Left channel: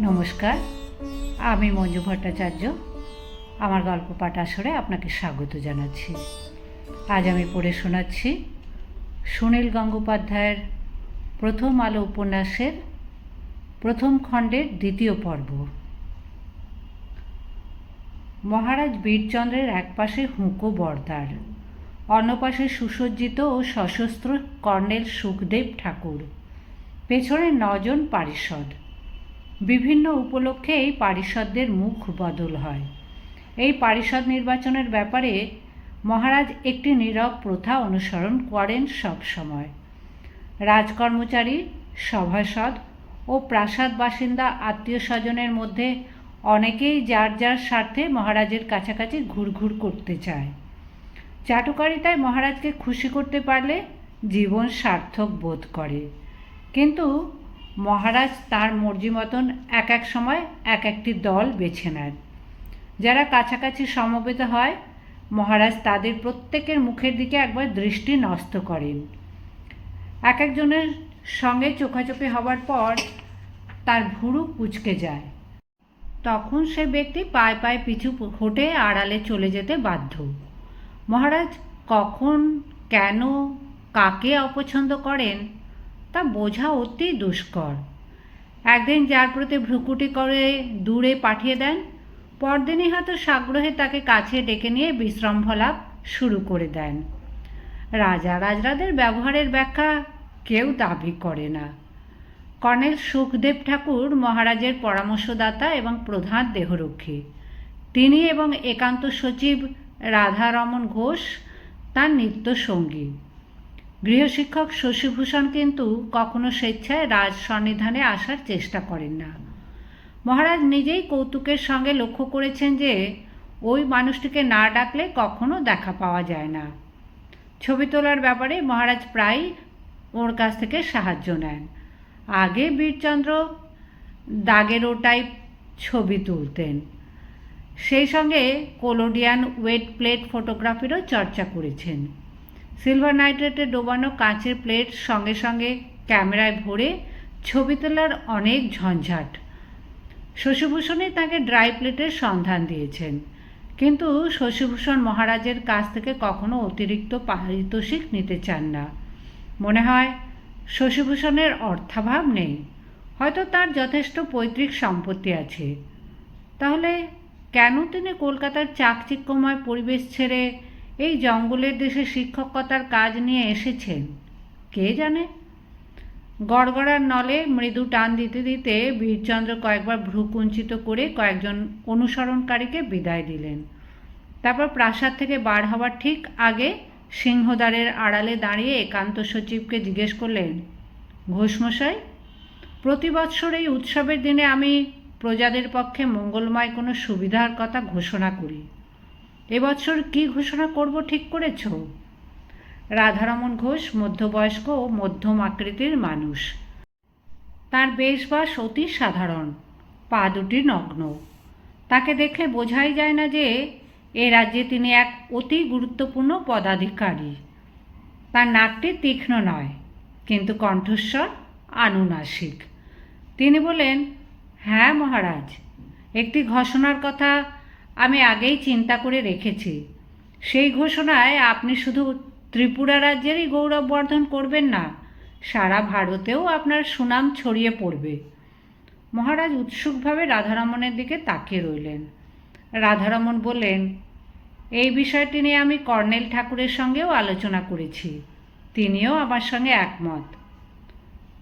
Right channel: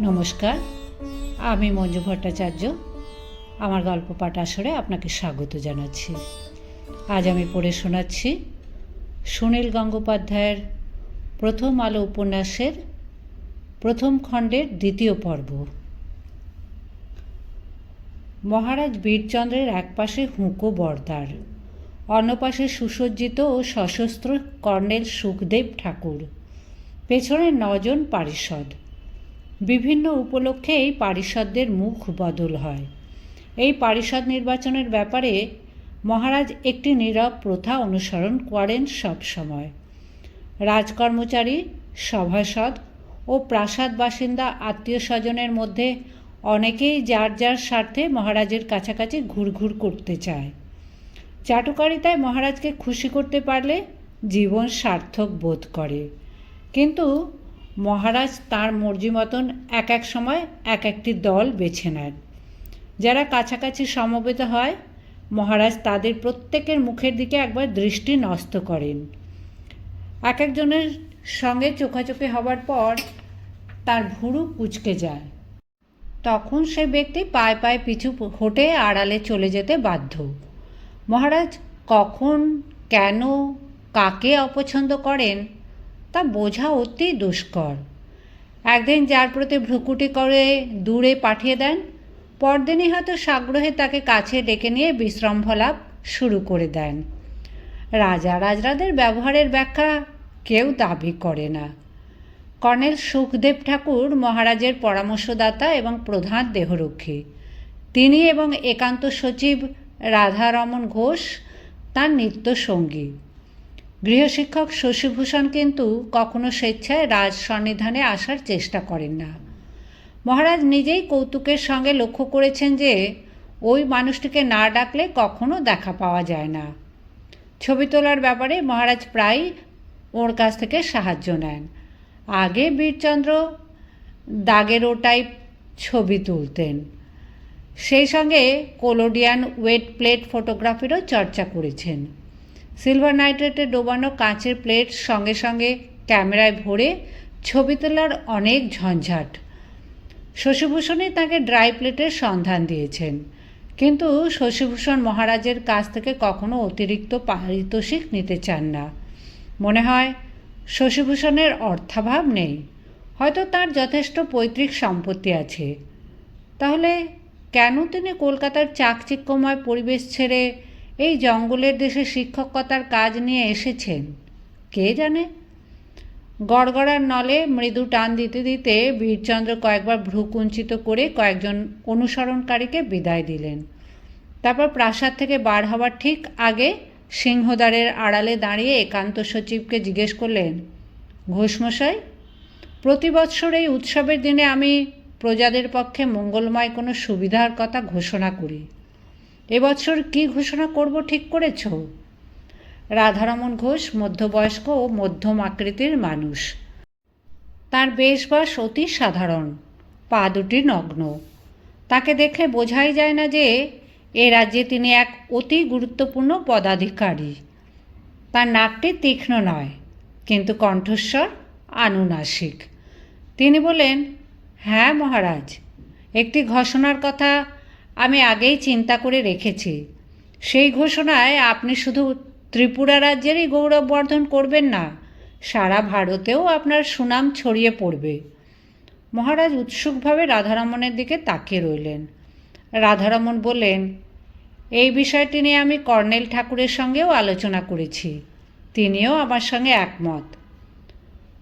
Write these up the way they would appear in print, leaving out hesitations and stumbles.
নমস্কার, আমি মঞ্জু ভট্টাচার্য। আমার গল্প পাঠ আসরে আপনাকে স্বাগত জানাচ্ছি। আজ আমি পড়ে শোনাচ্ছি সুনীল গঙ্গোপাধ্যায়ের প্রথম আলো উপন্যাসের প্রথম খণ্ডের দ্বিতীয় পর্ব। মহারাজ বীরচন্দ্রের একপাশে হুঁকো বরদার, অন্য পাশে সুসজ্জিত ও সশস্ত্র কর্নেল সুখদেব ঠাকুর, পেছনে 9 জন পারিষদ। বিভিন্ন উপলক্ষে এই পারিষদদের মুখ বদল হয়। এই পারিষদ নির্বাচনের ব্যাপারে মহারাজ একটি নীরব প্রথা অনুসরণ করেন সব সময়। রাজকর্মচারী, সভাসদ ও প্রাসাদ বাসিন্দা আত্মীয় স্বজনের মধ্যে অনেকেই যার যার স্বার্থে মহারাজের কাছাকাছি ঘুরঘুর করতে চায়। চাটুকারিতায় মহারাজকে খুশি করতে পারলে জীবন সার্থক বোধ করে, কিন্তু মহারাজ তাঁর মর্জি মতন এক এক সময় এক একটি দল বেছে নেন। যারা কাছাকাছি সমবেত হয়, মহারাজ তাদের প্রত্যেকের মুখের দিকে একবার দৃষ্টি ন্যস্ত করেন। এক একজনের সঙ্গে চোখাচোখি হবার পর তার ভুরু কুঁচকে যায়। তখন সে ব্যক্তি পায়ে পায়ে পিছু হটে আড়ালে চলে যেতে বাধ্য। মহারাজ কখন, কেন, কাকে অপছন্দ করেন তা বোঝা অতি দুষ্কর। একদিন যার প্রতি ভ্রুকুটি করে দূরে পাঠিয়ে দেন, পরদিনই হয়তো সাগ্রহে তাকে কাছে ডেকে নিয়ে বিশ্রম্ভলাপ শুরু করে দেন। রাজা রাজরাদের ব্যবহারের ব্যাখ্যা কেউ দাবি করে না। কর্নেল সুখদেব ঠাকুর মহারাজের পরামর্শদাতা এবং প্রধান দেহরক্ষী। তিনি এবং একান্ত সচিব রাধারমণ ঘোষ তাঁর নিত্য সঙ্গী। গৃহশিক্ষক শশীভূষণ কিন্তু কখনো স্বেচ্ছায় রাজ সন্নিধানে আসার চেষ্টা করেন না। মহারাজ নিজেই কৌতুকের সঙ্গে লক্ষ্য করেছেন যে ওই মানুষটিকে না ডাকলে কখনো দেখা পাওয়া যায় না। ছবি তোলার ব্যাপারে মহারাজ প্রায় ওর কাছ থেকে সাহায্য নেন। আগে বীরচন্দ্র দাগেরো টাইপ ছবি তুলতেন, সেই সঙ্গে কোলোডিয়ান ওয়েট প্লেট ফটোগ্রাফিরও চর্চা করেছেন। সিলভার নাইট্রেটে ডোবানো কাঁচের প্লেট সঙ্গে সঙ্গে ক্যামেরায় ভরে ছবি তোলার অনেক ঝঞ্ঝাট। শশীভূষণই তাঁকে ড্রাই প্লেটের সন্ধান দিয়েছেন, কিন্তু শশীভূষণ মহারাজের কাছ থেকে কখনো অতিরিক্ত পারিতোষিক নিতে চান না। মনে হয় শশীভূষণের অর্থাভাব নেই, হয়তো তার যথেষ্ট পৈতৃক সম্পত্তি আছে। তাহলে কেন তিনি কলকাতার চাকচিক্যময় পরিবেশ ছেড়ে এই জঙ্গলের দেশে শিক্ষকতার কাজ নিয়ে এসেছেন কে জানে। গড়গড়ার নলে মৃদু টান দিতে দিতে বীরচন্দ্র কয়েকবার ভ্রু কুঞ্চিত করে কয়েকজন অনুসরণকারীকে বিদায় দিলেন। তারপর প্রাসাদ থেকে বার হওয়ার ঠিক আগে সিংহদ্বারের আড়ালে দাঁড়িয়ে একান্ত সচিবকে জিজ্ঞেস করলেন, ঘোষমশাই, প্রতি বৎসর এই উৎসবের দিনে আমি প্রজাদের পক্ষে মঙ্গলময় কোনো সুবিধার কথা ঘোষণা করি। এবছর কী ঘোষণা করব ঠিক করেছ? রাধারমণ ঘোষ মধ্যবয়স্ক ও মধ্যম আকৃতির মানুষ। তার বেশবাস অতি সাধারণ, পা দুটি নগ্ন। তাকে দেখলে বোঝাই যায় না যে এ রাজ্যে তিনি এক অতি গুরুত্বপূর্ণ পদাধিকারী। তার নাকটি তীক্ষ্ণ নয়, কিন্তু কণ্ঠস্বর আনুনাসিক। তিনি বলেন, হ্যাঁ মহারাজ, একটি ঘোষণার কথা আমি আগেই চিন্তা করে রেখেছি। সেই ঘোষণায় আপনি শুধু ত্রিপুরা রাজ্যেরই গৌরববর্ধন করবেন না, সারা ভারতেও আপনার সুনাম ছড়িয়ে পড়বে। মহারাজ উৎসুকভাবে রাধারমণের দিকে তাকিয়ে রইলেন। রাধারমণ বললেন, এই বিষয়টি নিয়ে আমি কর্নেল ঠাকুরের সঙ্গেও আলোচনা করেছি, তিনিও আমার সঙ্গে একমত।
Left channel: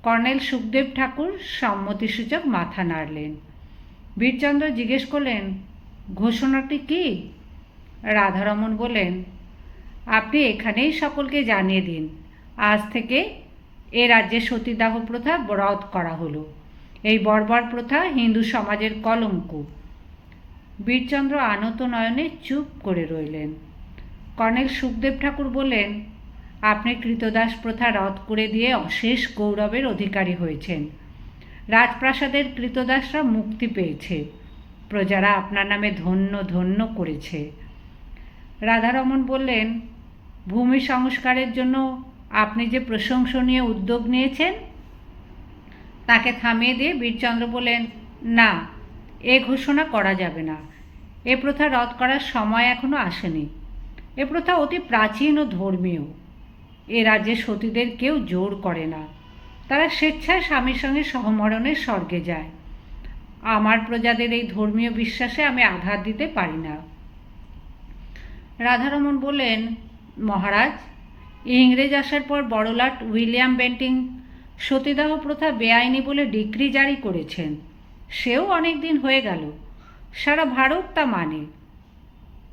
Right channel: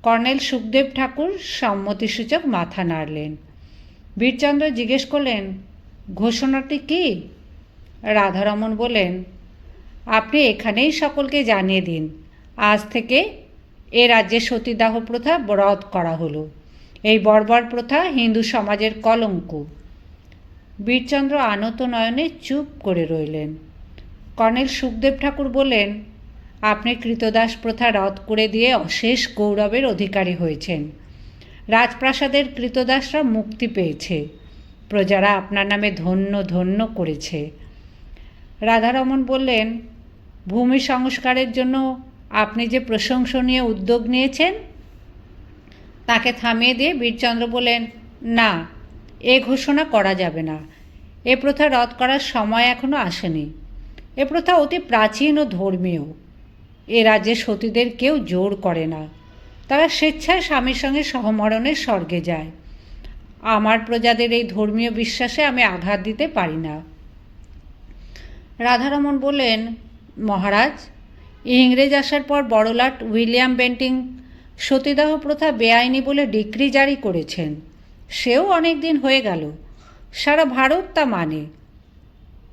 কর্নেল সুখদেব ঠাকুর সম্মতিসূচক মাথা নাড়লেন। বীরচন্দ্র জিজ্ঞেস করলেন, ঘোষণাটি কি? রাধারমণ বললেন, আপনি এখানেই সকলকে জানিয়ে দিন, আজ থেকে এ রাজ্যে সতীদাহ প্রথা রদ করা হলো। এই বর্বর প্রথা হিন্দু সমাজের কলঙ্ক। বীরচন্দ্র আনত নয়নে চুপ করে রইলেন। কর্নেল সুখদেব ঠাকুর বললেন, আপনি কৃতদাস প্রথা রদ করে দিয়ে অশেষ গৌরবের অধিকারী হয়েছেন। রাজপ্রাসাদের কৃতদাসরা মুক্তি পেয়েছে, প্রজারা আপনার নামে ধন্য ধন্য করেছে। রাধারমণ বললেন, ভূমি সংস্কারের জন্য আপনি যে প্রশংসনীয় উদ্যোগ নিয়েছেন। তাকে থামিয়ে দিয়ে বীরচন্দ্র বললেন, না, এ ঘোষণা করা যাবে না। এ প্রথা রদ করার সময় এখনো আসেনি। এ প্রথা অতি প্রাচীন ও ধর্মীয়। এ রাজ্যে সতীদের কেউ জোর করে না। তারা স্বেচ্ছায় স্বামীর সঙ্গে সহমরণের স্বর্গে যায়। আমার প্রজাদের এই ধর্মীয় বিশ্বাসে আমি আঘাত দিতে পারি না। রাধারমণ বললেন, মহারাজ, ইংরেজ আসার পর বড়লাট উইলিয়াম বেন্টিং সতীদাহ প্রথা বেআইনি বলে ডিক্রি জারি করেছেন। সেও অনেক দিন হয়ে গেল। সারা ভারত তা মানে।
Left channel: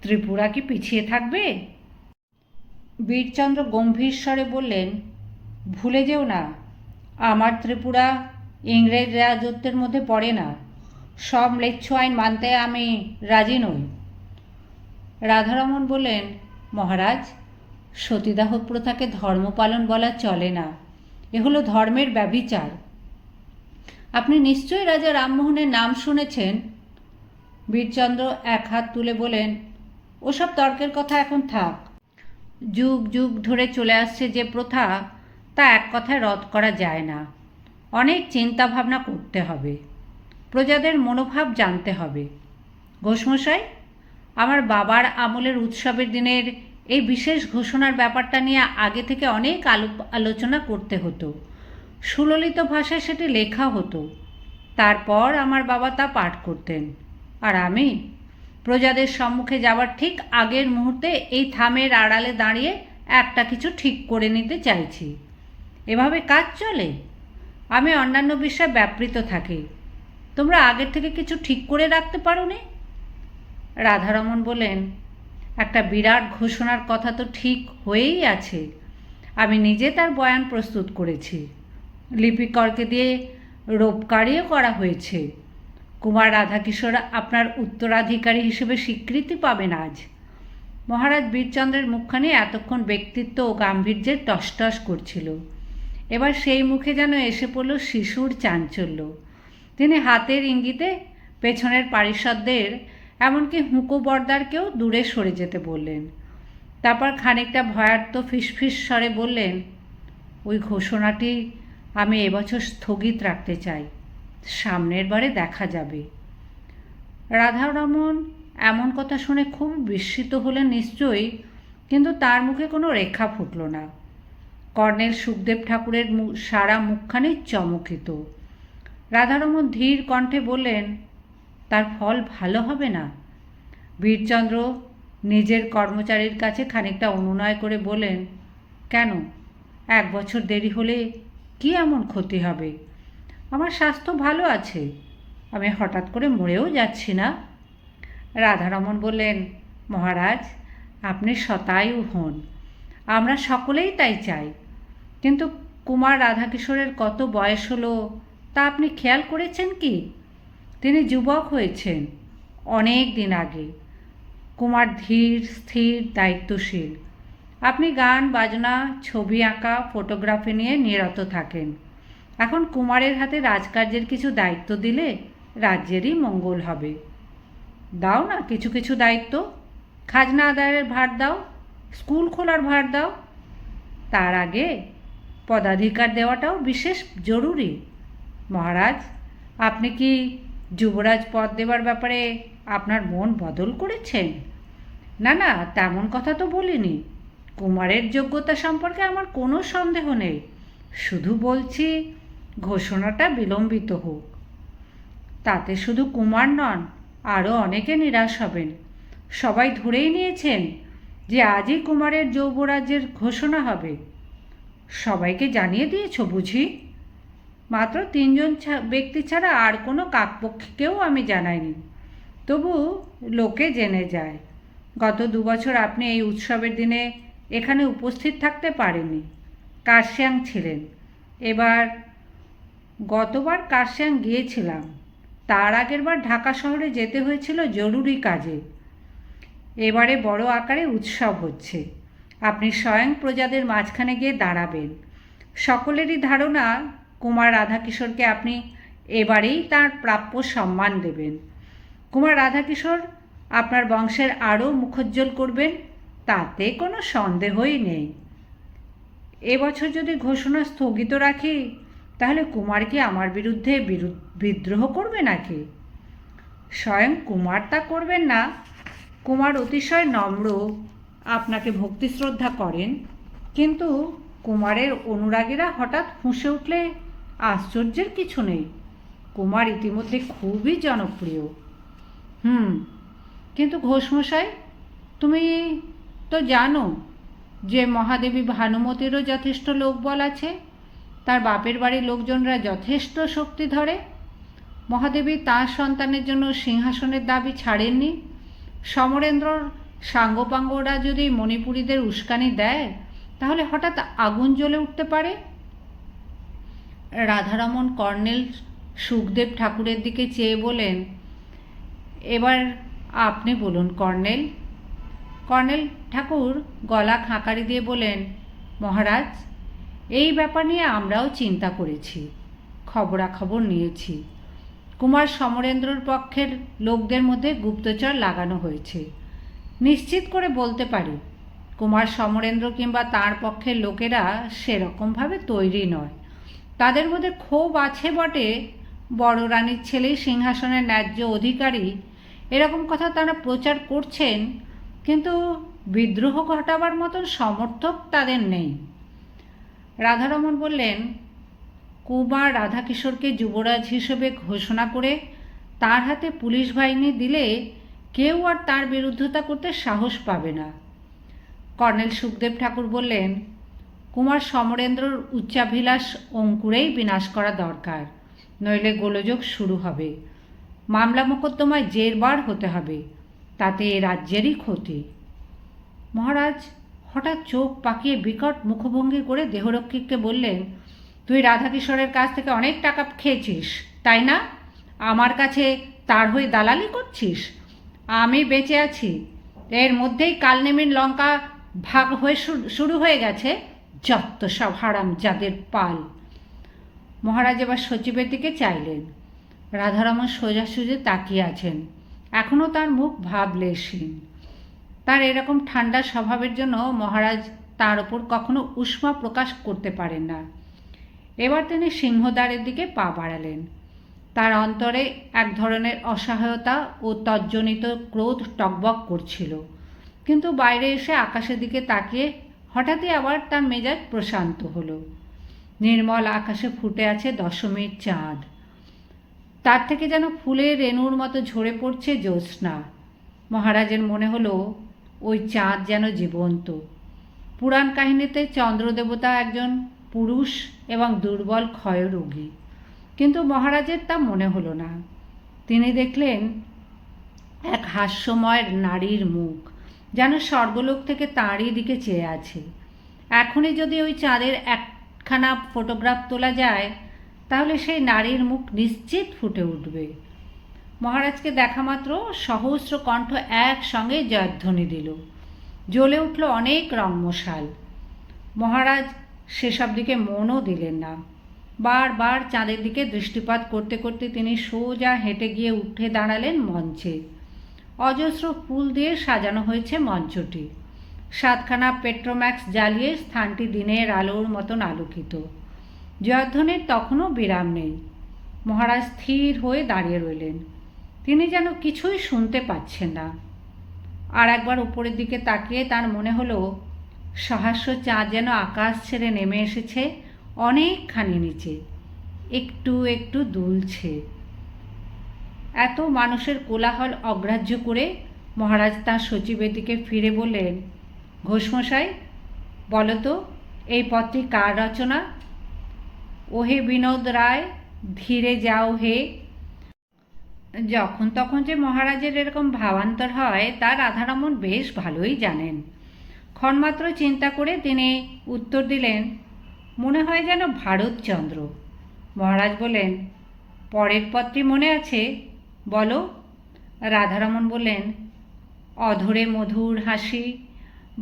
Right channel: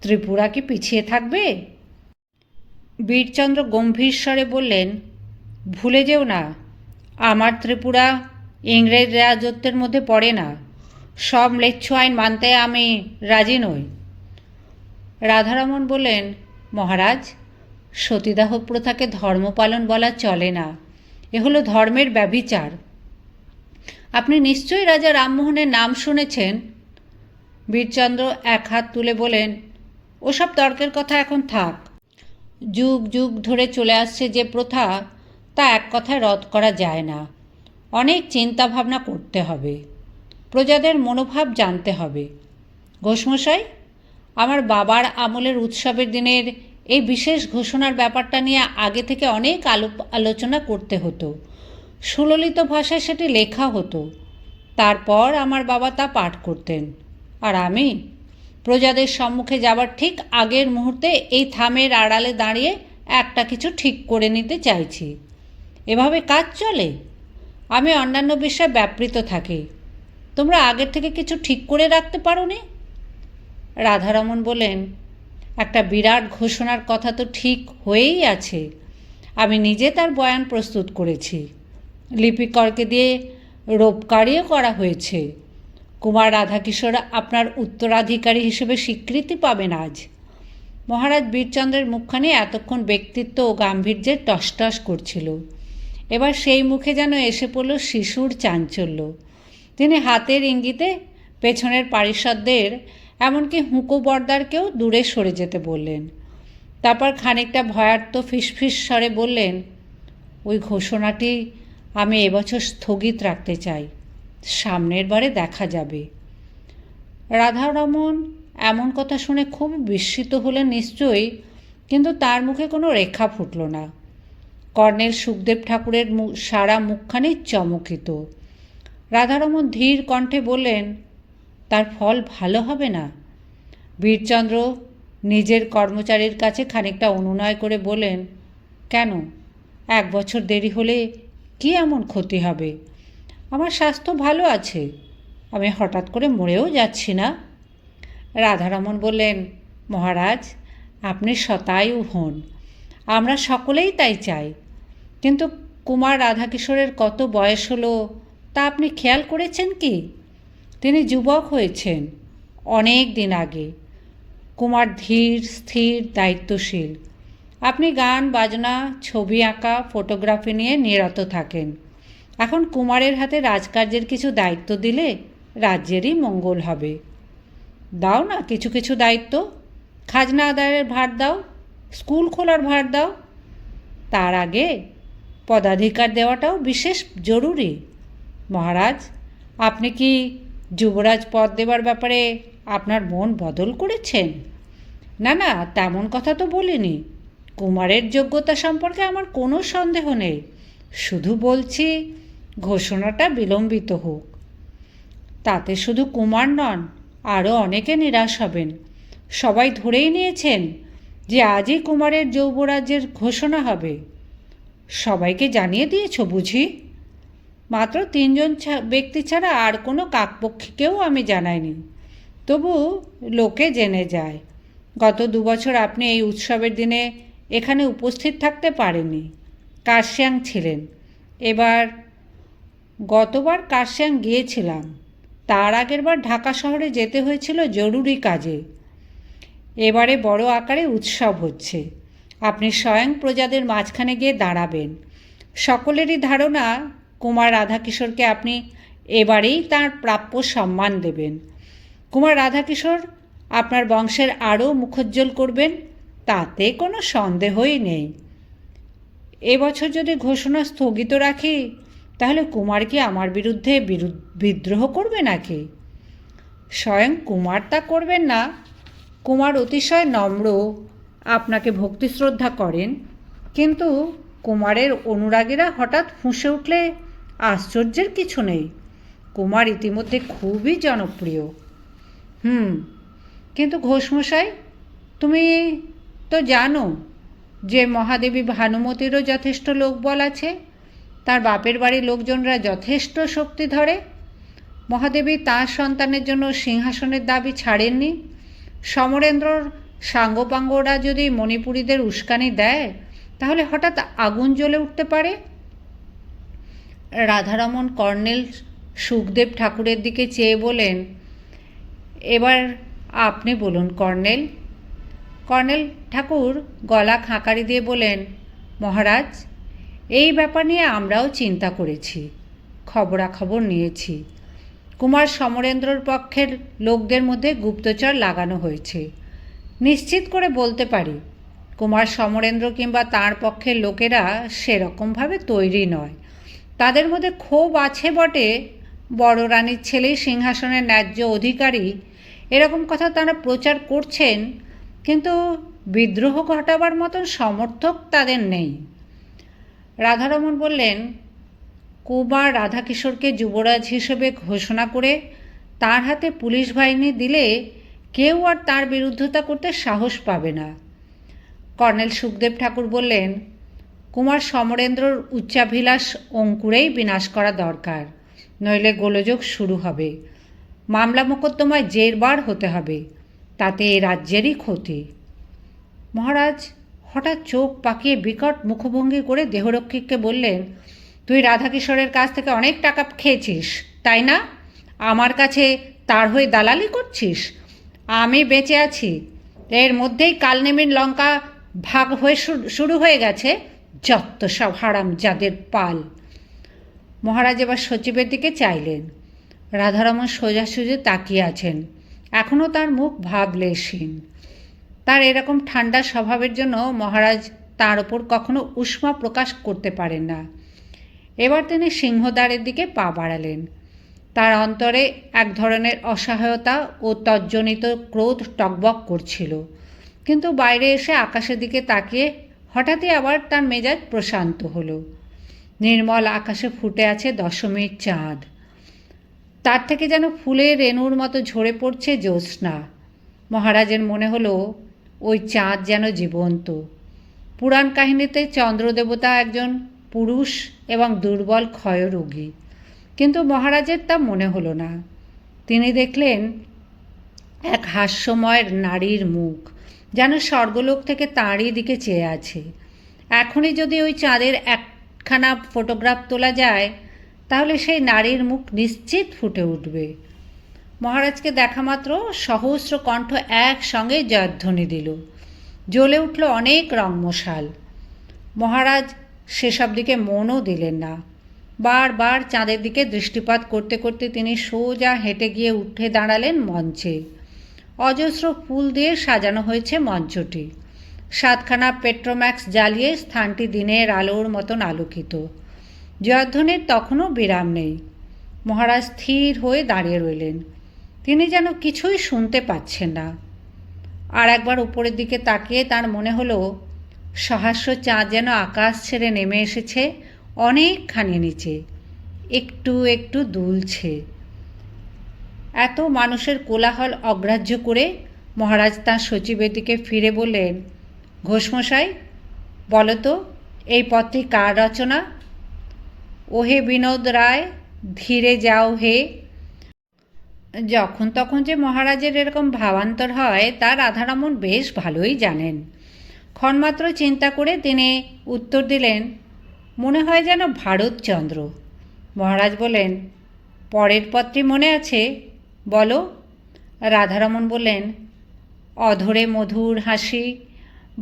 ত্রিপুরা কি পিছিয়ে থাকবে? বীরচন্দ্র গম্ভীর স্বরে বললেন, ভুলে যেও না, আমার ত্রিপুরা ইংরেজ রাজত্বের মধ্যে পড়ে না। সব ম্লেচ্ছ আইন মানতে আমি রাজি নই। রাধারমণ বললেন, মহারাজ, সতীদাহ প্রথাকে ধর্মপালন বলা চলে না। এ হলো ধর্মের ব্যভিচার। আপনি নিশ্চয়ই রাজা রামমোহনের নাম শুনেছেন। বীরচন্দ্র এক হাত তুলে বলেন, ওসব তর্কের কথা এখন থাক। যুগ যুগ ধরে চলে আসছে যে প্রথা, তা এক কথায় রদ করা যায় না। অনেক চিন্তা ভাবনা করতে হবে। প্রজাদের মনোভাব জানতে হবে। ঘোষমশাই, আমার বাবার আমলের উৎসবের দিনের এই বিশেষ ঘোষণার ব্যাপারটা নিয়ে আগে থেকে অনেক আলোচনা করতে হতো। সুললিত ভাষায় সেটি লেখা হতো। তারপর আমার বাবা তা পাঠ করতেন। আর আমি প্রজাদের সম্মুখে যাবার ঠিক আগের মুহূর্তে এই থামের আড়ালে দাঁড়িয়ে একটা কিছু ঠিক করে নিতে চাইছি। এভাবে কাজ চলে? আমি অন্যান্য বিষয়ে ব্যাপৃত থাকি। তোমরা আগের থেকে কিছু ঠিক করে রাখতে পারো নি? রাধারমণ বলেন, একটা বিরাট ঘোষণার কথা তো ঠিক হয়েই আছে। আমি নিজে তার বয়ান প্রস্তুত করেছি। লিপিকরকে দিয়ে রোপকারিও করা হয়েছে। কুমার রাধাকিশোর আপনার উত্তরাধিকারী হিসেবে স্বীকৃতি পাবেন আজ। মহারাজ বীরচন্দ্রের মুখখানি এতক্ষণ ব্যক্তিত্ব ও গাম্ভীর্যের টসটস করছিল। এবার সেই মুখে যেন এসে পড়ল শিশুর চাঞ্চল্য। তিনি হাতের ইঙ্গিতে পেছনের পারিষদদের, এমনকি হুঁকো বর্দারকেও দূরে সরে যেতে বললেন। তারপর খানিকটা ভয়ার্ত ফিসফিস স্বরে বললেন, ওই ঘোষণাটি আমি এবছর স্থগিত রাখতে চাই। সামনের বারে দেখা যাবে। রাধারমণ এমন কথা শুনে খুব বিস্মিত হলেন নিশ্চয়ই, কিন্তু তার মুখে কোনো রেখা ফুটল না। কর্নেল সুখদেব ঠাকুরের সারা মুখখানি চমকিত। রাধারমণ ধীর কণ্ঠে বললেন, তার ফল ভালো হবে না। বীরচন্দ্র নিজের কর্মচারীর কাছে খানিকটা অনুনয় করে বলেন, কেন? 1 বছর দেরি হলে কি এমন ক্ষতি হবে? আমার স্বাস্থ্য ভালো আছে। আমি হঠাৎ করে মরেও যাচ্ছি না। রাধারমণ বললেন, মহারাজ, আপনি শতায়ু হন। আমরা সকলেই তাই চাই। কিন্তু কুমার রাধাকিশোরের কত বয়স হলো তা আপনি খেয়াল করেছেন কি? তিনি যুবক হয়েছেন অনেক দিন আগে। কুমার ধীর, স্থির, দায়িত্বশীল। আপনি গান বাজনা, ছবি আঁকা, ফটোগ্রাফি নিয়ে নিরত থাকেন। এখন কুমারের হাতে রাজকার্যের কিছু দায়িত্ব দিলে রাজ্যেরই মঙ্গল হবে। দাও না কিছু কিছু দায়িত্ব। খাজনা আদায়ের ভার দাও, স্কুল খোলার ভার দাও। তার আগে পদাধিকার দেওয়াটাও বিশেষ জরুরি। মহারাজ, আপনি কি যুবরাজ পদ দেবার ব্যাপারে আপনার মন বদল করেছেন? না না, তেমন কথা তো বলিনি। কুমারের যোগ্যতা সম্পর্কে আমার কোনো সন্দেহ নেই। শুধু বলছি, ঘোষণাটা বিলম্বিত হোক। তাতে শুধু কুমার নন, আরও অনেকে নিরাশ হবেন। সবাই ধরেই নিয়েছেন যে আজই কুমারের যুবরাজ্যের ঘোষণা হবে। সবাইকে জানিয়ে দিয়েছ বুঝি? মাত্র 3 জন ব্যক্তি ছাড়া আর কোনো কাকপক্ষীকেও আমি জানাইনি। তবু লোকে জেনে যায়। গত 2 বছর আপনি এই উৎসবের দিনে এখানে উপস্থিত থাকতে পারেননি। কার্শিয়াং ছিলেন। গতবার কার্শিয়াং গিয়েছিলাম। তার আগের বার ঢাকা শহরে যেতে হয়েছিল জরুরি কাজে। এবারে বড় আকারে উৎসব হচ্ছে। আপনি স্বয়ং প্রজাদের মাঝখানে গিয়ে দাঁড়াবেন। সকলেরই ধারণা কুমার রাধাকিশোরকে আপনি এবারেই তার প্রাপ্য সম্মান দেবেন। কুমার রাধাকিশোর আপনার বংশের আরও মুখোজ্জ্বল করবেন, তাতে কোনো সন্দেহই নেই। এবছর যদি ঘোষণা স্থগিত রাখি, তাহলে কুমার কি আমার বিরুদ্ধে বিদ্রোহ করবে নাকি? স্বয়ং কুমার তা করবেন না। কুমার অতিশয় নম্র, আপনাকে ভক্তি শ্রদ্ধা করেন, কিন্তু কুমারের অনুরাগীরা হঠাৎ ফুঁসে উঠলে আশ্চর্যের কিছু নেই। কুমার ইতিমধ্যে খুবই জনপ্রিয়। কিন্তু ঘোষমশাই, তুমি তো জানো যে মহাদেবী ভানুমতিরও যথেষ্ট লোকবল আছে। তার বাপের বাড়ির লোকজনরা যথেষ্ট শক্তি ধরে। মহাদেবী তাঁর সন্তানের জন্য সিংহাসনের দাবি ছাড়েননি। সমরেন্দ্রর সাঙ্গপাঙ্গরা যদি মণিপুরীদের উস্কানি দেয়, তাহলে হঠাৎ আগুন জ্বলে উঠতে পারে। রাধারমণ কর্নেল সুখদেব ঠাকুরের দিকে চেয়ে বলেন, এবার আপনি বলুন কর্নেল। কর্নেল ঠাকুর গলা খাঁকারি দিয়ে বলেন, মহারাজ, এই ব্যাপার নিয়ে আমরাও চিন্তা করেছি, খবরাখবর নিয়েছি। কুমার সমরেন্দ্রর পক্ষের লোকদের মধ্যে গুপ্তচর লাগানো হয়েছে। নিশ্চিত করে বলতে পারি, কুমার সমরেন্দ্র কিংবা তাঁর পক্ষের লোকেরা সেরকমভাবে তৈরি নয়। তাদের মধ্যে ক্ষোভ আছে বটে, বড় রানীর ছেলেই সিংহাসনের ন্যায্য অধিকারী, এরকম কথা তারা প্রচার করছেন, কিন্তু বিদ্রোহ ঘটাবার মতন সমর্থক তাদের নেই। রাধারমণ বললেন, কুমার রাধাকিশোরকে যুবরাজ হিসেবে ঘোষণা করে তার হাতে পুলিশ বাহিনী দিলে কেউ আর তার বিরুদ্ধতা করতে সাহস পাবে না। কর্নেল সুখদেব ঠাকুর বললেন, কুমার সমরেন্দ্রর উচ্চাভিলাষ অঙ্কুরেই বিনাশ করা দরকার, নইলে গোলযোগ শুরু হবে। মামলা মোকদ্দমায় জেরবার হতে হবে, তাতে এ রাজ্যেরই ক্ষতি। মহারাজ হঠাৎ চোখ পাকিয়ে বিকট মুখভঙ্গি করে দেহরক্ষীকে বললেন, তুই রাধাকিশোরের কাছ থেকে অনেক টাকা খেয়েছিস, তাই না? আমার কাছে তার হয়ে দালালি করছিস? আমি বেঁচে আছি, এর মধ্যেই কালনেমির লঙ্কা ভাগ হয়ে শুরু হয়ে গেছে। যত সব হারাম যাদের পাল। মহারাজ এবার সচিবের দিকে চাইলেন। রাধারমণ সোজাসুজি তাকিয়ে আছেন, এখনও তার মুখ ভাবলেশহীন। তার এরকম ঠান্ডা স্বভাবের জন্য মহারাজ তার ওপর কখনো উষ্মা প্রকাশ করতে পারেন না। এবার তিনি সিংহদ্বারের দিকে পা বাড়ালেন। তার অন্তরে এক ধরনের অসহায়তা ও তজ্জনিত ক্রোধ টকবক করছিল, কিন্তু বাইরে এসে আকাশের দিকে তাকিয়ে হঠাৎই আবার তার মেজাজ প্রশান্ত হলো। নির্মল আকাশে ফুটে আছে দশমীর চাঁদ, তার থেকে যেন ফুলের রেণুর মতো ঝরে পড়ছে জ্যোৎস্না। মহারাজের মনে হলো ওই চাঁদ যেন জীবন্ত। পুরাণ কাহিনীতে চন্দ্রদেবতা একজন পুরুষ এবং দুর্বল ক্ষয়রোগী, কিন্তু মহারাজের তা মনে হলো না। তিনি দেখলেন এক হাস্যময় নারীর মুখ, যেন স্বর্গলোক থেকে তাঁরই দিকে চেয়ে আছে। এখনই যদি ওই চাঁদের একখানা ফটোগ্রাফ তোলা যায়, তাহলে সেই নারীর মুখ নিশ্চিত ফুটে উঠবে। মহারাজকে দেখা মাত্র সহস্র কণ্ঠ একসঙ্গে জয়ধ্বনি দিল। জ্বলে উঠল অনেক রংমশাল। মহারাজ সেসব দিকে মনও দিলেন না। বারবার চাঁদের দিকে দৃষ্টিপাত করতে করতে তিনি সোজা হেঁটে গিয়ে উঠে দাঁড়ালেন মঞ্চে। অজস্র ফুল দিয়ে সাজানো হয়েছে মঞ্চটি। 7খানা পেট্রোম্যাক্স জ্বালিয়ে স্থানটি দিনের আলোর মতন আলোকিত। জয়ধ্বনির তখনও বিরাম নেই। মহারাজ স্থির হয়ে দাঁড়িয়ে রইলেন। তিনি যেন কিছুই শুনতে পাচ্ছেন না। আর একবার উপরের দিকে তাকিয়ে তার মনে হলো সহস্র চাঁদ যেন আকাশ ছেড়ে নেমে এসেছে অনেকখানি নিচে, একটু একটু দুলছে। এত মানুষের কোলাহল অগ্রাহ্য করে মহারাজ তাঁর সচিবের দিকে ফিরে বললেন, ঘোষমশাই, বলো তো এই পত্রটি কার রচনা? ওহে বিনোদ রায়, ধীরে যাও হে। যখন তখন যে মহারাজের এরকম ভাবান্তর হয় তা রাধারমণ বেশ ভালোই জানেন। ক্ষণমাত্র চিন্তা করে তিনি উত্তর দিলেন, মনে হয় যেন ভারতচন্দ্র। মহারাজ বলেন, পরের পত্রটি মনে আছে? বলো। রাধারমণ বললেন, অধরে মধুর হাসি,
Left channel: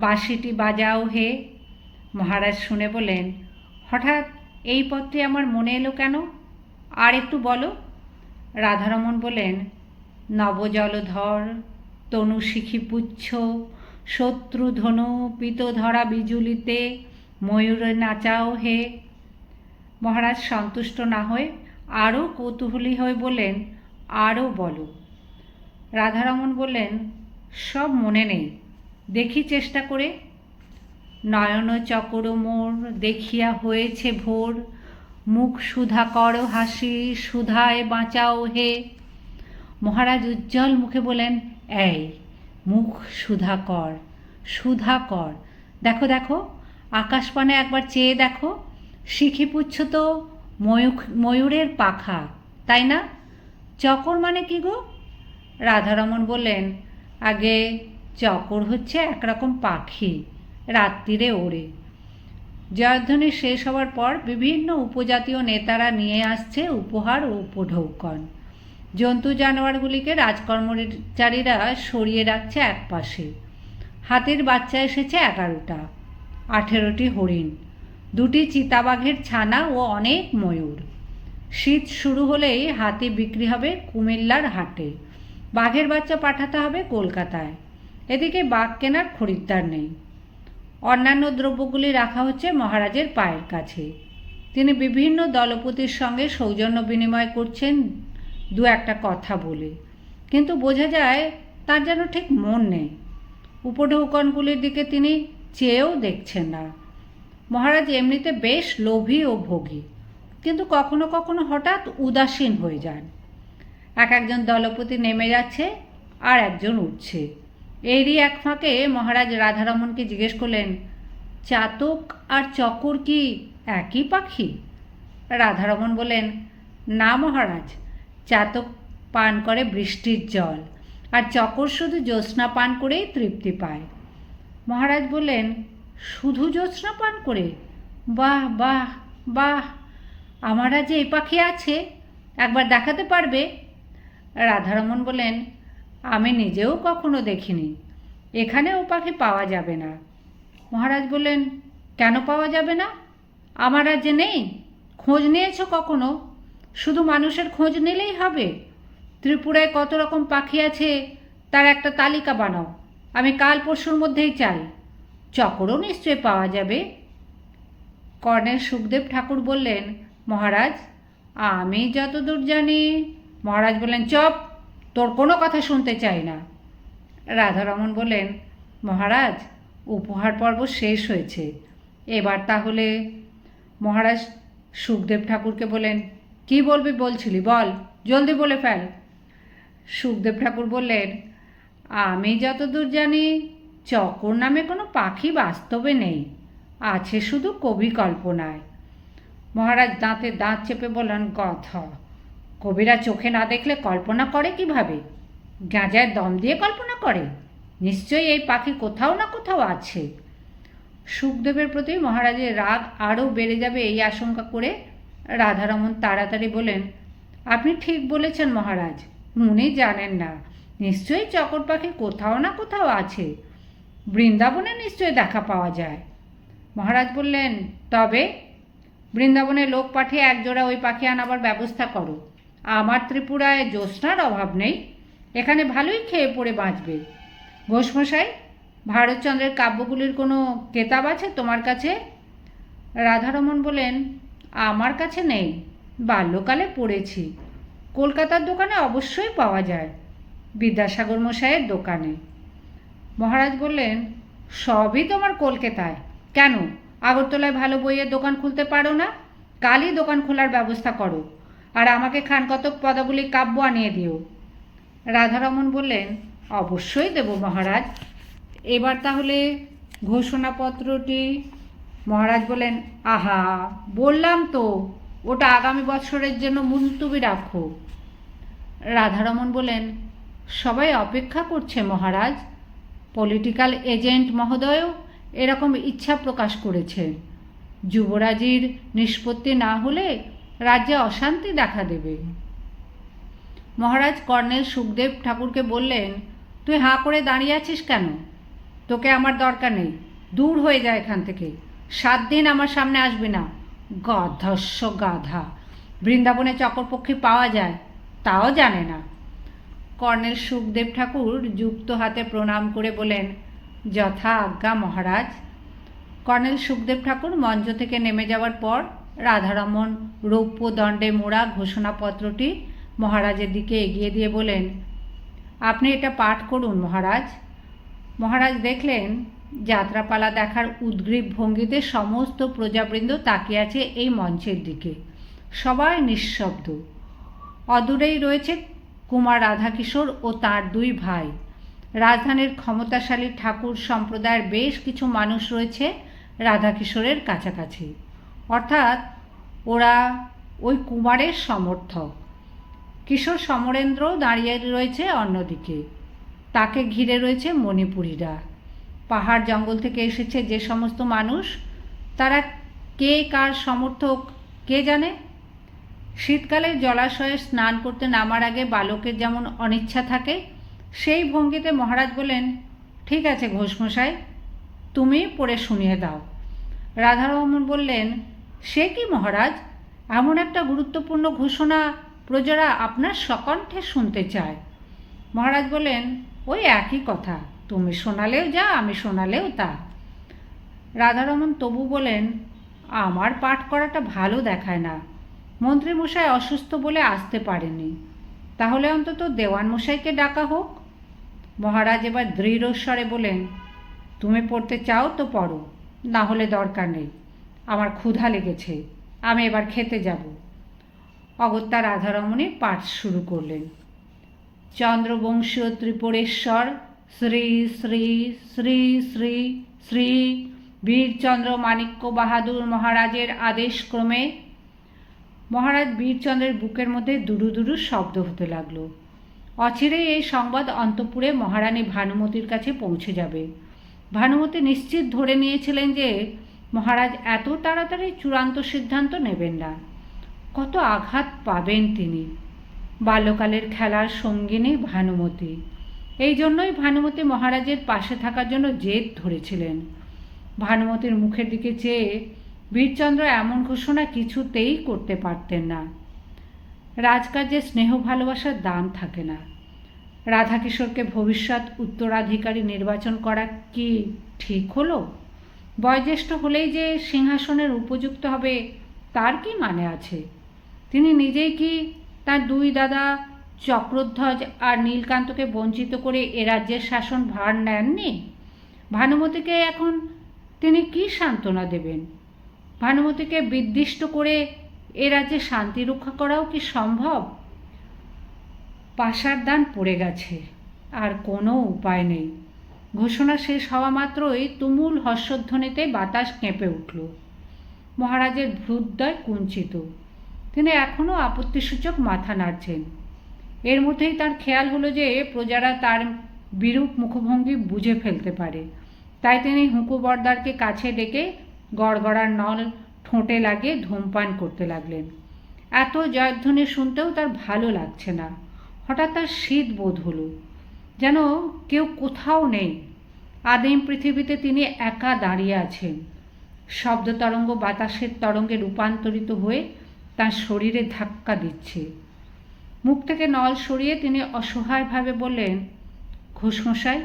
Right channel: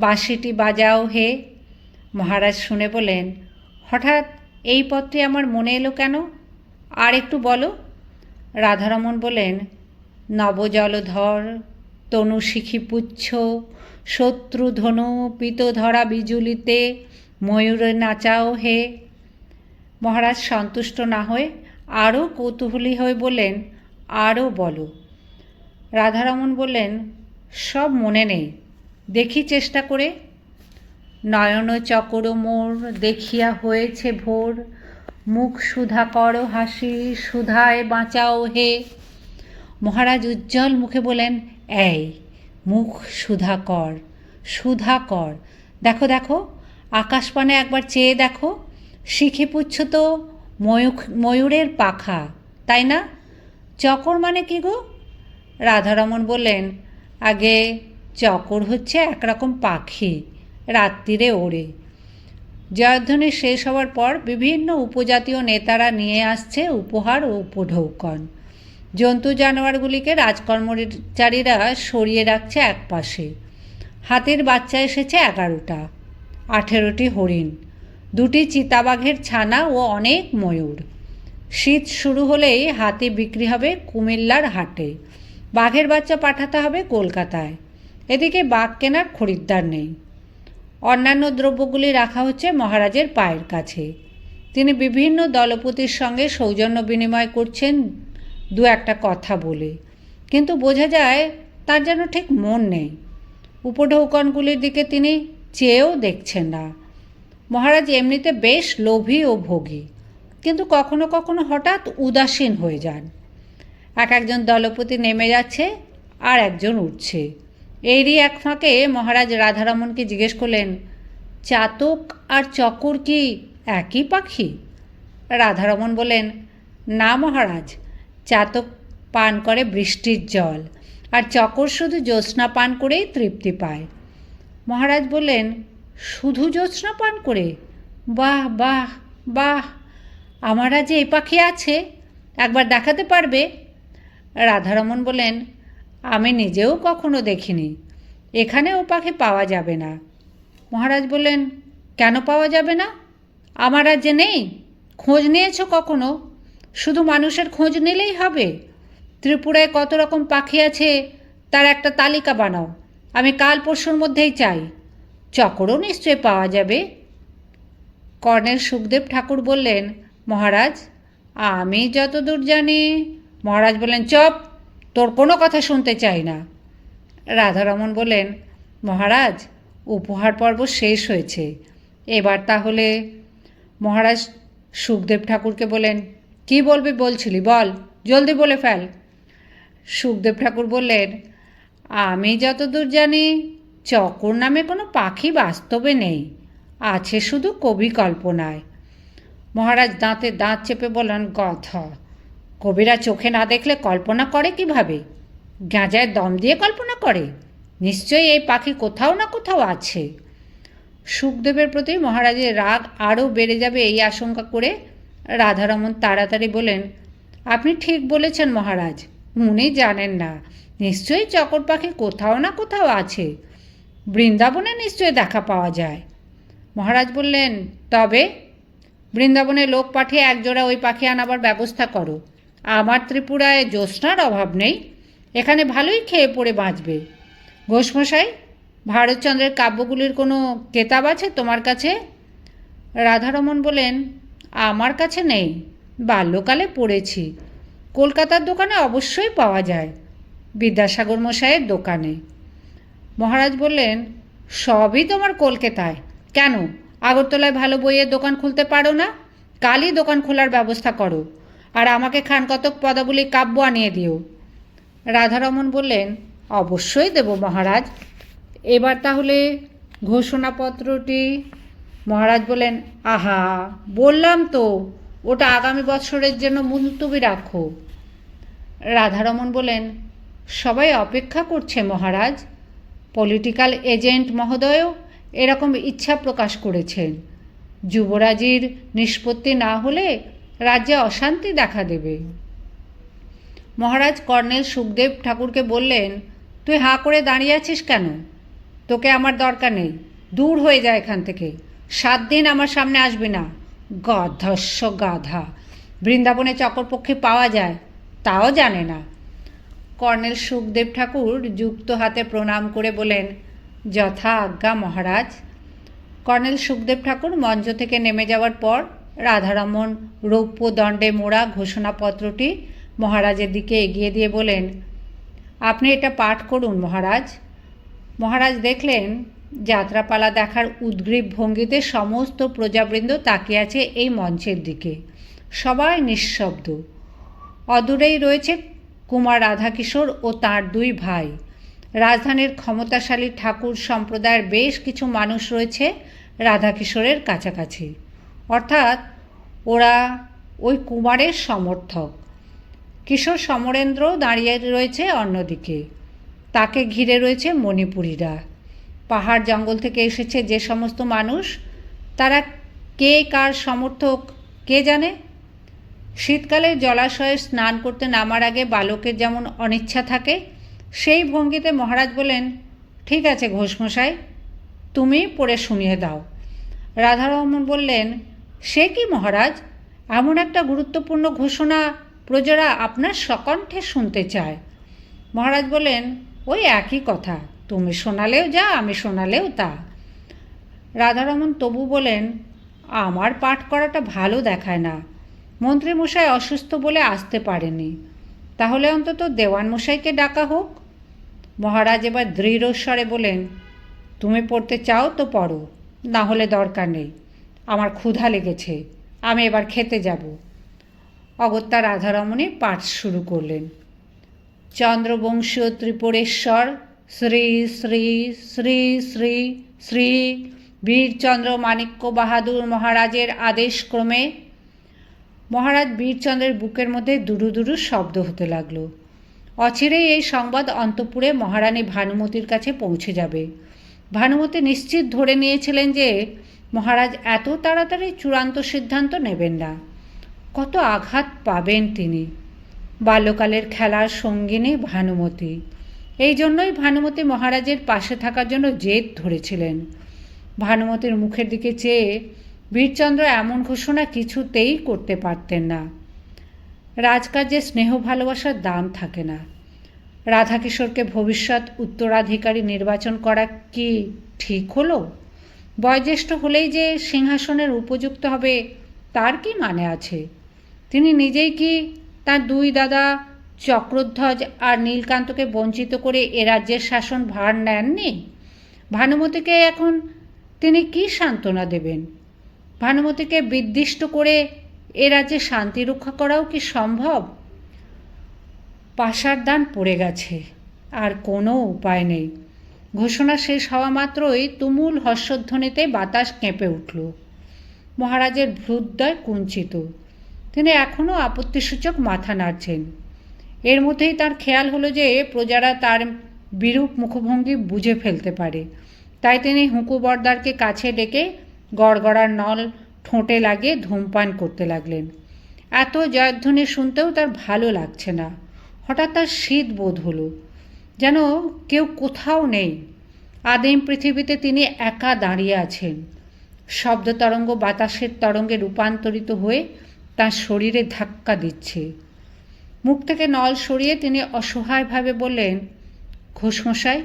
বাঁশিটি বাজাও হে। মহারাজ শুনে বলেন, হঠাৎ এই পত্রটি আমার মনে এলো কেন? আর একটু বলো। রাধারমণ বলেন, নবজলধর তনু শিখিপুচ্ছ, শত্রু ধনু পিত ধরা বিজুলিতে ময়ূরে নাচাও হে। মহারাজ সন্তুষ্ট না হয়ে আরও কৌতূহলী হয়ে বললেন, আরও বলো। রাধারমণ বললেন, সব মনে নেই, দেখি চেষ্টা করে। নয়ন চকর মোর দেখিয়া হয়েছে ভোর, মুখ সুধা কর হাসি, সুধায় বাঁচাও হে। মহারাজ উজ্জ্বল মুখে বলেন, এই মুখ সুধা কর, সুধা কর। দেখো দেখো, আকাশপানে একবার চেয়ে দেখো, শিখে পুচ্ছ তো ময়ূরের পাখা, তাই না? চকর মানে কি গো? রাধারমণ বললেন, আগে চকর হচ্ছে একরকম পাখি, রাত্রিরে ওড়ে। জয়ধ্বনি শেষ হওয়ার পর বিভিন্ন উপজাতীয় নেতারা নিয়ে আসছে উপহার ও উপঢৌকন। জন্তু জানোয়ারগুলিকে রাজকর্মচারীরা সরিয়ে রাখছে এক পাশে। হাতির বাচ্চা এসেছে 11টা, 18টি হরিণ, 2টি চিতাবাঘের ছানা ও অনেক ময়ূর। শীত শুরু হলেই হাতি বিক্রি হবে কুমিল্লার হাটে, বাঘের বাচ্চা পাঠাতে হবে কলকাতায়। এদিকে বাঘ কেনার খরিদ্দার নেই। অন্যান্য দ্রব্যগুলি রাখা হচ্ছে মহারাজের পায়ের কাছে। তিনি বিভিন্ন দলপতির সঙ্গে সৌজন্য বিনিময় করছেন 2-একটা কথা বলে, কিন্তু বোঝা যায় তার যেন ঠিক মন নেই। উপঢৌকনগুলির দিকে তিনি চেয়েও দেখছেন না। মহারাজ এমনিতে বেশ লোভী ও ভোগী, কিন্তু কখনো কখনো হঠাৎ উদাসীন হয়ে যান। একজন দলপতি নেমে যাচ্ছে আর একজন উঠছে। এরই এক ফাঁকে মহারাজ রাধারমণকে জিজ্ঞেস করলেন, চাতক আর চকর কি একই পাখি? রাধারমণ বললেন, না মহারাজ, চাতক পান করে বৃষ্টির জল, আর চকর শুধু জ্যোৎস্না পান করেই তৃপ্তি পায়। মহারাজ বললেন, শুধু জ্যোৎস্না পান করে? বাহ বাহ বাহ, আমার রাজ্যে এই পাখি আছে, একবার দেখাতে পারবে? রাধারমণ বললেন, আমি নিজেও কখনো দেখিনি, এখানে ও পাখি পাওয়া যাবে না। মহারাজ বললেন, কেন পাওয়া যাবে না? আমার রাজ্যে নেই? খোঁজ নিয়েছ কখনো? শুধু মানুষের খোঁজ নিলেই হবে? ত্রিপুরায় কত রকম পাখি আছে তার একটা তালিকা বানাও, আমি কাল পরশুর মধ্যেই চাই। চকরও নিশ্চয় পাওয়া যাবে। কর্নেল সুখদেব ঠাকুর বললেন, মহারাজ, আমি যতদূর জানি। মহারাজ বললেন, চপ, তোর কোনো কথা শুনতে চাই না। রাধারমণ বললেন, মহারাজ, উপহার পর্ব শেষ হয়েছে, এবার তাহলে। মহারাজ সুখদেব ঠাকুরকে বললেন, কি বলবি বলছিলি, বল, জলদি বলে ফেল। সুখদেব ঠাকুর বললেন, আমি যতদূর জানি চকর নামে কোনো পাখি বাস্তবে নেই, আছে শুধু কবি কল্পনায়। মহারাজ দাঁতে দাঁত চেপে বললেন, কথা, কবিরা চোখে না দেখলে কল্পনা করে কিভাবে? গাঁজায় দম দিয়ে কল্পনা করে? নিশ্চয়ই এই পাখি কোথাও না কোথাও আছে। সুখদেবের প্রতি মহারাজের রাগ আরও বেড়ে যাবে এই আশঙ্কা করে রাধারমণ তাড়াতাড়ি বলেন, আপনি ঠিক বলেছেন মহারাজ, উনি জানেন না, নিশ্চয়ই চকর পাখি কোথাও না কোথাও আছে, বৃন্দাবনে নিশ্চয়ই দেখা পাওয়া যায়। মহারাজ বললেন, তবে বৃন্দাবনে লোক পাঠিয়ে একজোড়া ওই পাখি আনাবার ব্যবস্থা করো। আমার ত্রিপুরায় জ্যোৎস্নার অভাব নেই, এখানে ভালোই খেয়ে পড়ে বাঁচবে। ঘোষমশাই, ভারতচন্দ্রের কাব্যগুলির কোনো কেতাব আছে তোমার কাছে? রাধারমণ বলেন, আমার কাছে নেই, বাল্যকালে পড়েছি, কলকাতার দোকানে অবশ্যই পাওয়া যায়, বিদ্যাসাগর মশাইয়ের দোকানে। মহারাজ বললেন, সবই তোমার কলকাতায়, কেন আগরতলায় ভালো বইয়ের দোকান খুলতে পারো না? কালই দোকান খোলার ব্যবস্থা করো, আর আমাকে খানকতক পদাবলী কাব্য আনিয়ে দিও। রাধারমণ বললেন, অবশ্যই দেব মহারাজ। এবার তাহলে ঘোষণাপত্রটি। মহারাজ বলেন, আহা, বললাম তো ওটা আগামী বছরের জন্য মুলতুবি রাখো। রাধারমণ বলেন, সবাই অপেক্ষা করছে মহারাজ, পলিটিক্যাল এজেন্ট মহোদয়ও এরকম ইচ্ছা প্রকাশ করেছেন। যুবরাজের নিষ্পত্তি না হলে রাজ্যে অশান্তি দেখা দেবে। মহারাজ কর্নেল সুখদেব ঠাকুরকে বললেন, তুই হাঁ করে দাঁড়িয়ে আছিস কেন? তোকে আমার দরকার নেই, দূর হয়ে যায় এখান থেকে, 7 দিন আমার সামনে আসবি না। গধস্য গাধা, বৃন্দাবনে চকরপক্ষী পাওয়া যায় তাও জানে না। কর্নেল সুখদেব ঠাকুর যুক্ত হাতে প্রণাম করে বলেন, যথা আজ্ঞা মহারাজ। কর্নেল সুখদেব ঠাকুর মঞ্চ থেকে নেমে যাওয়ার পর রাধারমণ রৌপ্য দণ্ডে মোড়া ঘোষণাপত্রটি মহারাজের দিকে এগিয়ে দিয়ে বলেন, আপনি এটা পাঠ করুন মহারাজ। মহারাজ দেখলেন যাত্রাপালা দেখার উদ্গ্রীব ভঙ্গিতে সমস্ত প্রজাবৃন্দ তাকিয়ে আছে এই মঞ্চের দিকে। সবাই নিঃশব্দ। অদূরেই রয়েছে কুমার রাধাকিশোর ও তার দুই ভাই। রাজধানীর ক্ষমতাশালী ঠাকুর সম্প্রদায়ের বেশ কিছু মানুষ রয়েছে রাধাকিশোরের কাছাকাছি, অর্থাৎ ওরা ওই কুমারের সমর্থক। কিশোর সমরেন্দ্রও দাঁড়িয়ে রয়েছে অন্যদিকে। তাকে ঘিরে রয়েছে মণিপুরীরা। পাহাড় জঙ্গল থেকে এসেছে যে সমস্ত মানুষ, তারা কে কার সমর্থক কে জানে। শীতকালে জলাশয়ে স্নান করতে নামার আগে বালকের যেমন অনিচ্ছা থাকে, সেই ভঙ্গিতে মহারাজ বলেন, ঠিক আছে ঘোষমশাই, তুমি পড়ে শুনিয়ে দাও। রাধারমণ বললেন, সে কি মহারাজ, এমন একটা গুরুত্বপূর্ণ ঘোষণা প্রজারা আপনার সকণ্ঠে শুনতে চায়। মহারাজ বললেন, ওই একই কথা, তুমি শোনালেও যা, আমি শোনালেও তা। রাধারমণ তবু বলেন, আমার পাঠ করাটা ভালো দেখায় না। মন্ত্রীমশাই অসুস্থ বলে আসতে পারেনি, তাহলে অন্তত দেওয়ানমশাইকে ডাকা হোক। মহারাজ এবার দৃঢ় স্বরে বলেন, তুমি পড়তে চাও তো পড়ো, না হলে দরকার নেই। আমার ক্ষুধা লেগেছে, আমি এবার খেতে যাব। অগত্যা রাধারমণী পাঠ শুরু করলেন। চন্দ্রবংশীয় ত্রিপুরেশ্বর শ্রী শ্রী শ্রী শ্রী শ্রী বীরচন্দ্র মাণিক্য বাহাদুর মহারাজের আদেশক্রমে। মহারাজ বীরচন্দ্রের বুকের মধ্যে দুরু দুরু শব্দ হতে লাগলো। অচিরেই এই সংবাদ অন্তঃপুরে মহারানী ভানুমতির কাছে পৌঁছে যাবে। ভানুমতি নিশ্চিত ধরে নিয়েছিলেন যে মহারাজ এত তাড়াতাড়ি চূড়ান্ত সিদ্ধান্ত নেবেন না। কত আঘাত পাবেন তিনি। বাল্যকালের খেলার সঙ্গিনী ভানুমতি। এই জন্যই ভানুমতি মহারাজের পাশে থাকার জন্য জেদ ধরেছিলেন। ভানুমতির মুখের দিকে চেয়ে বীরচন্দ্র এমন ঘোষণা কিছুতেই করতে পারতেন না। রাজকার্যে স্নেহ ভালোবাসার দাম থাকে না। রাধাকিশোরকে ভবিষ্যৎ উত্তরাধিকারী নির্বাচন করা কি ঠিক হলো? বয়োজ্যেষ্ঠ হলেই যে সিংহাসনের উপযুক্ত হবে তার কি মানে আছে? তিনি নিজেই কি তার দুই দাদা চক্রধ্বজ আর নীলকান্তকে বঞ্চিত করে এ রাজ্যের শাসন ভার নেননি? ভানুমতিকে এখন তিনি কি সান্ত্বনা দেবেন? ভানুমতিকে বিদ্বিষ্ট করে এ রাজ্যে শান্তি রক্ষা করাও কি সম্ভব? পাশার দান পড়ে গেছে, আর কোনো উপায় নেই। ঘোষণা শেষ হওয়া মাত্রই তুমুল হর্ষধ্বনিতে বাতাস কেঁপে উঠল। মহারাজের ভ্রুদ্বয় কুঞ্চিত। তিনি এখনও আপত্তিসূচক মাথা নাড়ছেন। এর মধ্যেই তার খেয়াল হলো যে প্রজারা তার বিরূপ মুখভঙ্গি বুঝে ফেলতে পারে। তাই তিনি হুঁকুবরদারকে কাছে ডেকে গড়গড়ার নল ঠোঁটে লাগিয়ে ধূমপান করতে লাগলেন। এত জয়ধ্বনি শুনতেও তার ভালো লাগছে না। হঠাৎ তার শীত বোধ হলো, যেন কেউ কোথাও নেই। আদিম পৃথিবীতে তিনি একা দাঁড়িয়ে আছেন। শব্দ তরঙ্গ বাতাসের তরঙ্গে রূপান্তরিত হয়ে তার শরীরে ধাক্কা দিচ্ছে। মুখ থেকে নল সরিয়ে তিনি অসহায়ভাবে বললেন, ঘোষমশাই,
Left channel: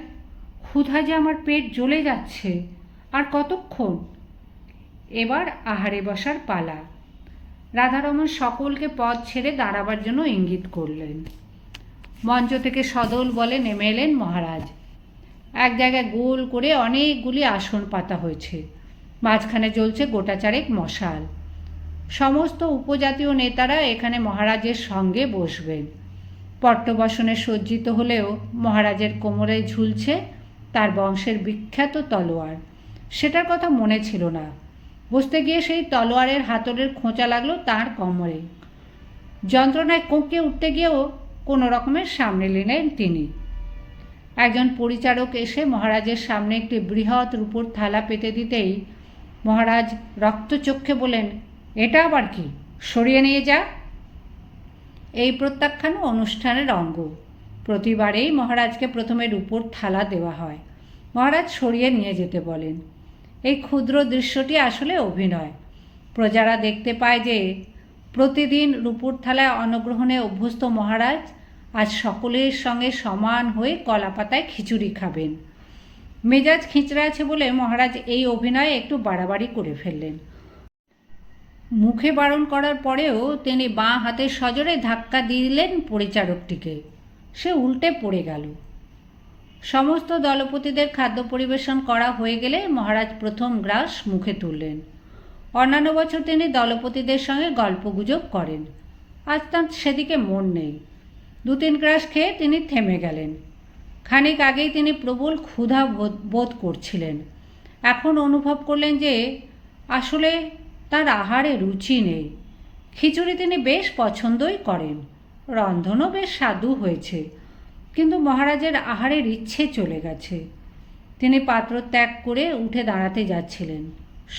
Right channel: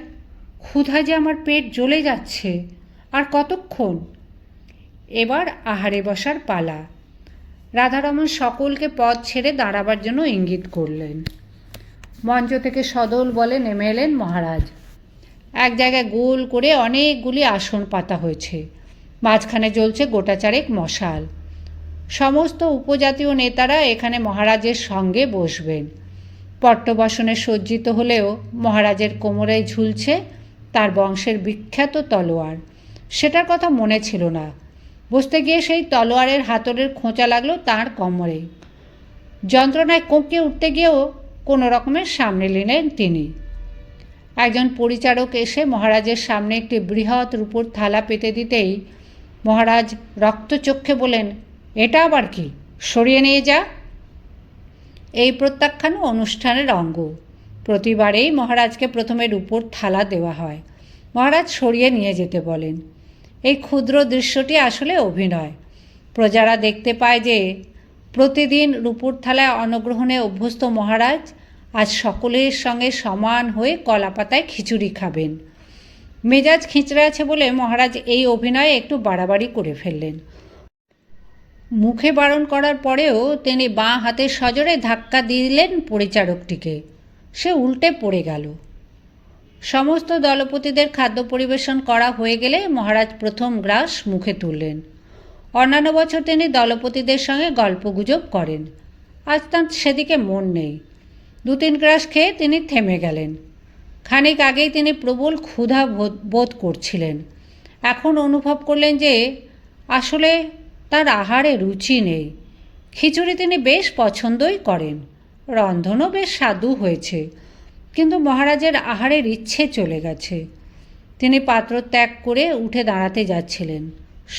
ক্ষুধায় যে আমার পেট জ্বলে যাচ্ছে, আর কতক্ষণ? এবার আহারে বসার পালা। রাধারমণ সকলকে পথ ছেড়ে দাঁড়াবার জন্য ইঙ্গিত করলেন। মঞ্চ থেকে সদল বলে নেমে এলেন মহারাজ। এক জায়গায় গোল করে অনেকগুলি আসন পাতা হয়েছে। মাঝখানে জ্বলছে গোটা চারেক মশাল। সমস্ত উপজাতীয় নেতারা এখানে মহারাজের সঙ্গে বসবেন। পট্টবসনে সজ্জিত হলেও মহারাজের কোমরে ঝুলছে তার বংশের বিখ্যাত তলোয়ার। সেটার কথা মনে ছিল না। বসতে গিয়ে সেই তলোয়ারের হাতলের খোঁচা লাগলো তাঁর কোমরে। যন্ত্রণায় কোঁকে উঠতে গিয়েও কোনো রকমের সামনে নিলেন তিনি। একজন পরিচারক এসে মহারাজের সামনে একটি বৃহৎ রূপোর থালা পেতে দিতেই মহারাজ রক্তচক্ষে বলেন, এটা আবার কি? সরিয়ে নিয়ে যা। এই প্রত্যাখ্যানও অনুষ্ঠানের অঙ্গ। প্রতিবারেই মহারাজকে প্রথমে রূপোর থালা দেওয়া হয়। মহারাজ সরিয়ে নিয়ে যেতে বলেন। এই ক্ষুদ্র দৃশ্যটি আসলে অভিনয়। প্রজারা দেখতে পায় যে প্রতিদিন রূপোর থালায় অন্নগ্রহণে অভ্যস্ত মহারাজ আজ সকলের সঙ্গে সমান হয়ে কলাপাতায় খিচুড়ি খাবেন। মেজাজ খিঁচড়ে আছে বলে মহারাজ এই অভিনয়ে একটু বাড়াবাড়ি করে ফেললেন। মুখে বারণ করার পরেও তিনি বাঁ হাতের সজোরে ধাক্কা দিলেন পরিচারকটিকে। সে উল্টে পড়ে গেল। সমস্ত দলপতিদের খাদ্য পরিবেশন করা হয়ে গেলে মহারাজ প্রথম গ্রাস মুখে তুললেন। অন্যান্য বছর তিনি দলপতিদের সঙ্গে গল্পগুজব করেন, আজ তাঁর সেদিকে মন নেই। 2-3 গ্রাস খেয়ে তিনি থেমে গেলেন। খানিক আগেই তিনি প্রবল ক্ষুধা বোধ করছিলেন। এখন অনুভব করলেন যে আসলে তার আহারে রুচি নেই। খিচুড়ি তিনি বেশ পছন্দই করেন, রন্ধনও বেশ স্বাদু হয়েছে, কিন্তু মহারাজের আহারের ইচ্ছে চলে গেছে। তিনি পাত্র ত্যাগ করে উঠে দাঁড়াতে যাচ্ছিলেন।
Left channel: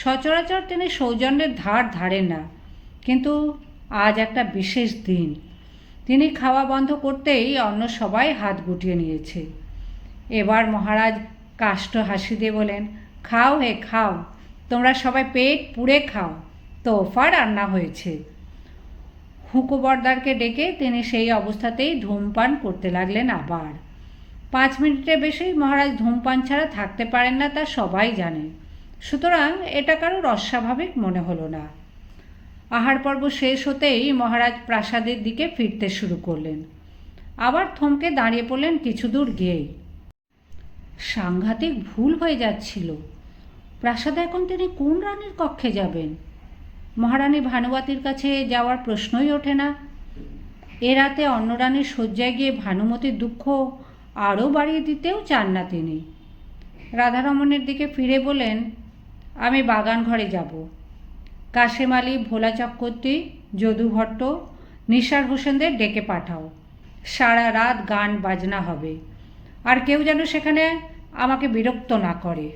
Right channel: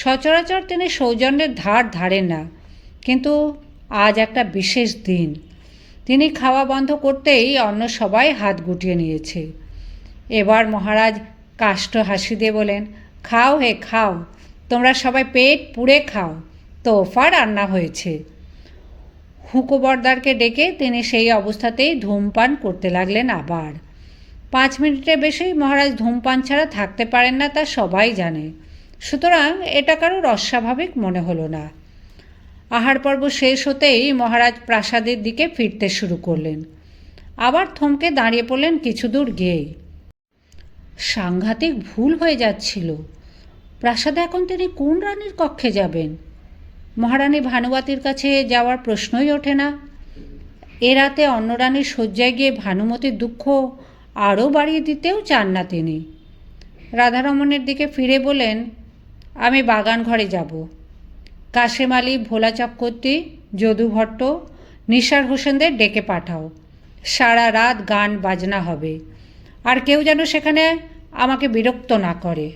সচরাচর তিনি সৌজন্যের ধার ধারেন না, কিন্তু আজ একটা বিশেষ দিন। তিনি খাওয়া বন্ধ করতেই অন্য সবাই হাত গুটিয়ে নিয়েছে। এবার মহারাজ কাষ্ঠ হাসি দিয়ে বলেন, খাও হে খাও, তোমরা সবাই পেট পুড়ে খাও, তোফা রান্না হয়েছে। হুঁকো বর্দারকে ডেকে তিনি সেই অবস্থাতেই ধূমপান করতে লাগলেন আবার। 5 মিনিটের বেশি মহারাজ ধূমপান ছাড়া থাকতে পারেন না, তা সবাই জানে। সুতরাং এটা কারোর অস্বাভাবিক মনে হলো না। আহার পর্ব শেষ হতেই মহারাজ প্রাসাদের দিকে ফিরতে শুরু করলেন। আবার থমকে দাঁড়িয়ে পড়লেন কিছু দূর গিয়েই। সাংঘাতিক ভুল হয়ে যাচ্ছিল। প্রাসাদে এখন তিনি কোন রানীর কক্ষে যাবেন? মহারানী ভানুমতির কাছে যাওয়ার প্রশ্নই ওঠে না। এ রাতে অন্য রানীর শয্যায় গিয়ে ভানুমতির দুঃখ আরও বাড়িয়ে দিতেও চান না তিনি। রাধারমণের দিকে ফিরে বলেন, আমি বাগান ঘরে যাব। কাশেম আলী, ভোলা চক্রবর্তী, যদু ভট্ট, নিসার হোসেনদের ডেকে পাঠাও। সারা রাত গান বাজনা হবে, আর কেউ যেন সেখানে আমাকে বিরক্ত না করে।